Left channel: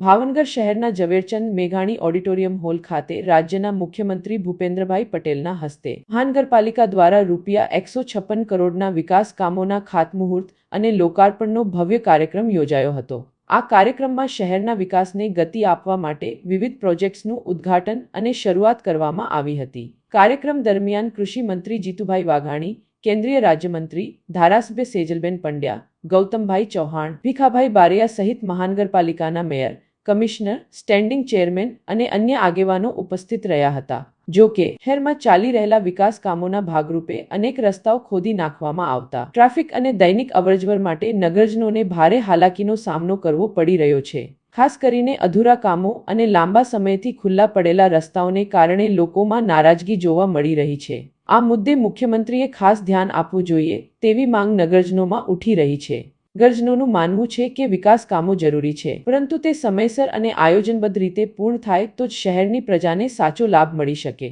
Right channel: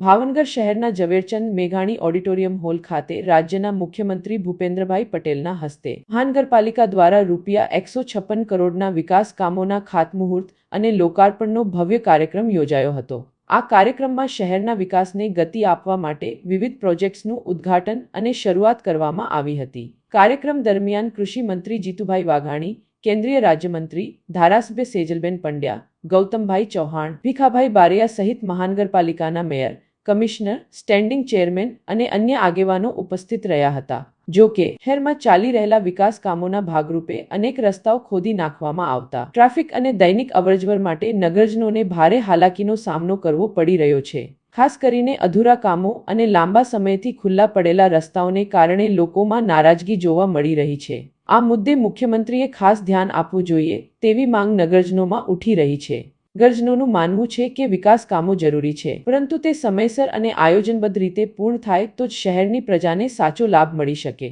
ભાવનગર શહેરના ઝવેરચંદ મેઘાણી auditorium hall ખાતે રાજ્યના મુખ્યમંત્રી ભૂપેન્દ્રભાઈ પટેલના હસ્તે મહાનગરપાલિકા દ્વારા ₹156 કરોડના વિકાસ કામોના ખાતમુહૂર્ત અને લોકાર્પણનો ભવ્ય કાર્યક્રમ યોજાયો હતો। આ કાર્યક્રમમાં શહેરના વિકાસને ગતિ આપવા માટે વિવિધ પ્રોજેક્ટ્સનું ઉદ્ઘાટન અને શરૂઆત કરવામાં આવી હતી। કાર્યક્રમ દરમિયાન કૃષિ મંત્રી જીતુભાઈ વાઘાણી, કેન્દ્રીય રાજ્યમંત્રી ધારાસભ્ય સેજલબેન પંડ્યા, ગૌતમભાઈ ચૌહાણ, ભીખાભાઈ બારૈયા સહિત મહાનગરપાલિકાના મેયર, કમિશનર, સ્ટેન્ડિંગ ચેરમેન અને અન્ય આગેવાનો ઉપસ્થિત રહ્યા હતા। જો કે શહેરમાં ચાલી રહેલા વિકાસ કામોના ભાગરૂપે અનેક રસ્તાઓ ખોદી નાખવામાં આવતા ટ્રાફિક અને દૈનિક અવરજવર માટે નગરજનોને ભારે હાલાકીનો સામનો કરવો પડી રહ્યો છે। ખાસ કરીને અધૂરા કામો અને લાંબા સમયથી ખુલ્લા પડેલા રસ્તાઓને કારણે લોકોમાં નારાજગી જોવા મળી રહી છે। આ મુદ્દે મુખ્યમંત્રીએ ખાસ ધ્યાન આપવું જોઈએ તેવી માંગ નગરજનોમાં ઉઠી રહી છે। નગરજનોનું માનવું છે કે વિકાસ કામો જરૂરી છે, પરંતુ તે સમયસર અને આયોજનબદ્ધ રીતે પૂર્ણ થાય તો જ શહેરની પ્રજાને સાચો લાભ મળી શકે।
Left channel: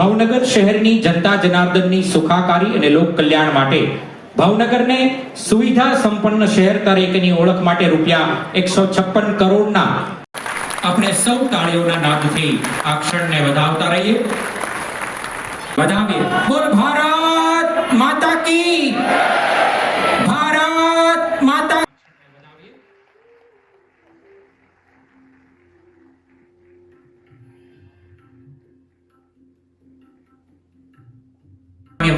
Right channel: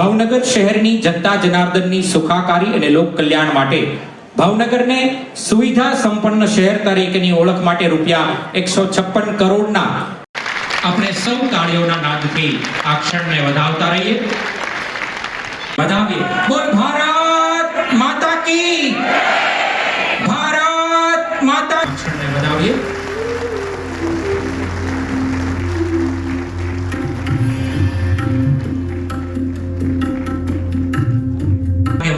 ભાવનગર શહેરની જનતા જનાર્દનની સુખાકારી અને લોક કલ્યાણ માટે ભાવનગરને સુવિધા સંપન્ન શહેર તરીકેની ઓળખ માટે ₹156 કરોડના આપણે સૌ તાળીઓના નાદથી આ ક્ષણને વધાવતા રહીએ। વધાવીએ। બોલ ભારત માતા કી, ભારત માતા। ક્ષણને વધાવીએ।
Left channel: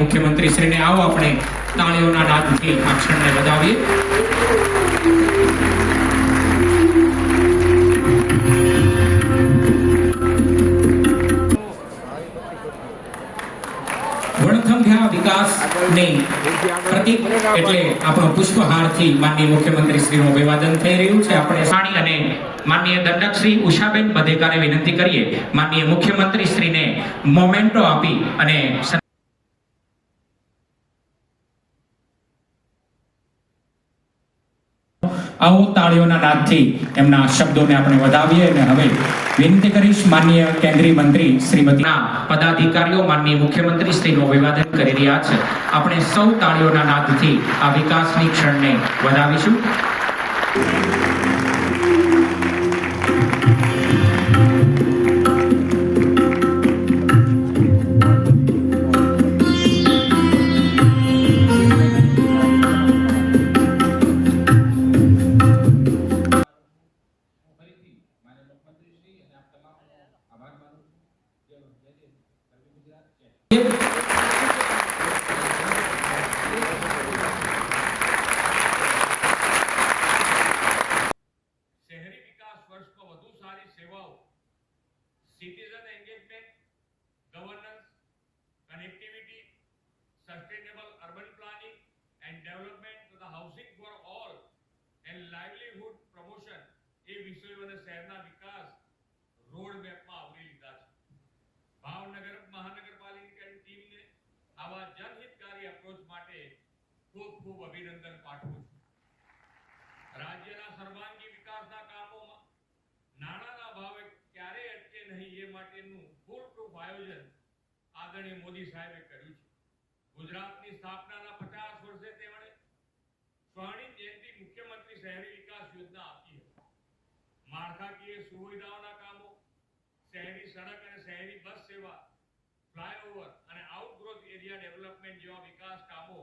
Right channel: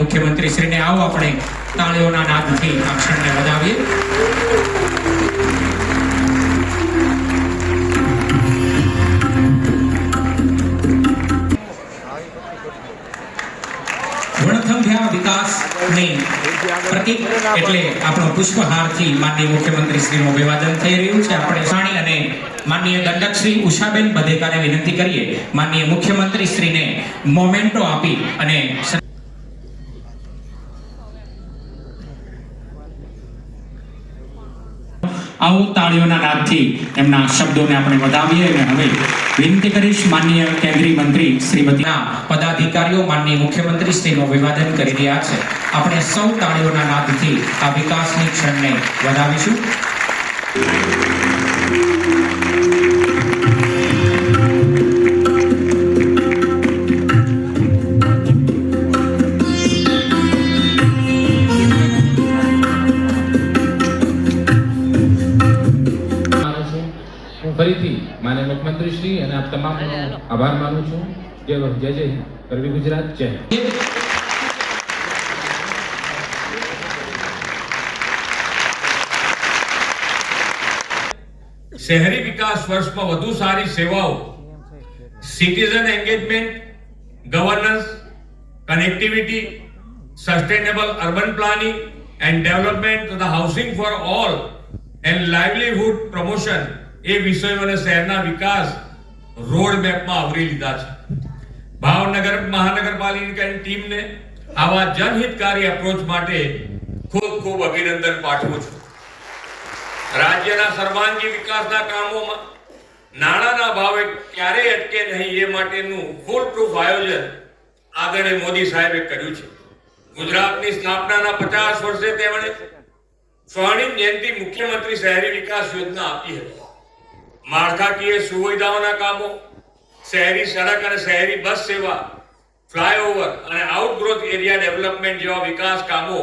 મુખ્યમંત્રી શ્રીને આવો આપણે તાળીઓના નાદથી આ ક્ષણને વધાવીએ। વણથંભ્યા વિકાસની પ્રતીક એટલે આપણો પુષ્પહારથી માનનીય મુખ્યમંત્રી શ્રીનું અભિવાદન થઈ રહ્યું છે। આપણે સાણી અને માનનીય દંડક શ્રી ઉષાબેન બધેકાને વિનંતી કરીએ માનનીય મુખ્યમંત્રી શ્રીને મોમેન્ટો આપી અને આવો તાળીઓના નાદથી એમના શબ્દોને આપણે વધાવીએ। અને હવે વિનંતી કરીશ માનનીય કેન્દ્રીય મંત્રી શ્રીમતીના પદાધિકારીઓ માનનીય મુખ્યમંત્રી શ્રીનું અભિવાદન કરી રહ્યા છે। આપણે સૌ તાળીઓના નાદથી આ વિકાસની ક્ષણને વધાવીશું। ફરીથી માનનીય મુખ્યમંત્રી શ્રી અને આપ તમામનો આભાર માનું છું। જય જય જય ગરવી ગુજરાત, જય। શહેરી વિકાસ વર્ષમાં વધુ સારી સેવાઓ, citizen engagement, governance, connectivity, sustainable urban planning and development તથા housing for all and livelihood promotion એ વિષયોને શહેરના વિકાસ રોડ મેપમાં આવરી લીધા છે। ભાવનગર મહાનગરપાલિકાની ટીમને આવા જનહિતકારી એપ્રોચ માટે ખૂબ ખૂબ અભિનંદન પાઠવું છું। રાજ્યના સર્વાંગી વિકાસના કામોમાં નાણાંના ભાવે ક્યારેય અટકે નહીં એ માટેનું ફૂલ પ્રૂફ આયોજન આદરણીય મોદી સાહેબે કર્યું છે। ગુજરાતની સ્થાપનાના 50 વર્ષે તેમણે સ્વર્ણિમ જયંતિ મુખ્યમંત્રી શહેરી વિકાસ યોજના આપી હતી। માળખાકીય સુવિધાઓના કામો, શહેરી સડક અને શહેરી બસ સેવા, ફ્લાયઓવર અને આઉટગ્રોથ એરિયા ડેવલપમેન્ટ જેવા વિકાસ કામો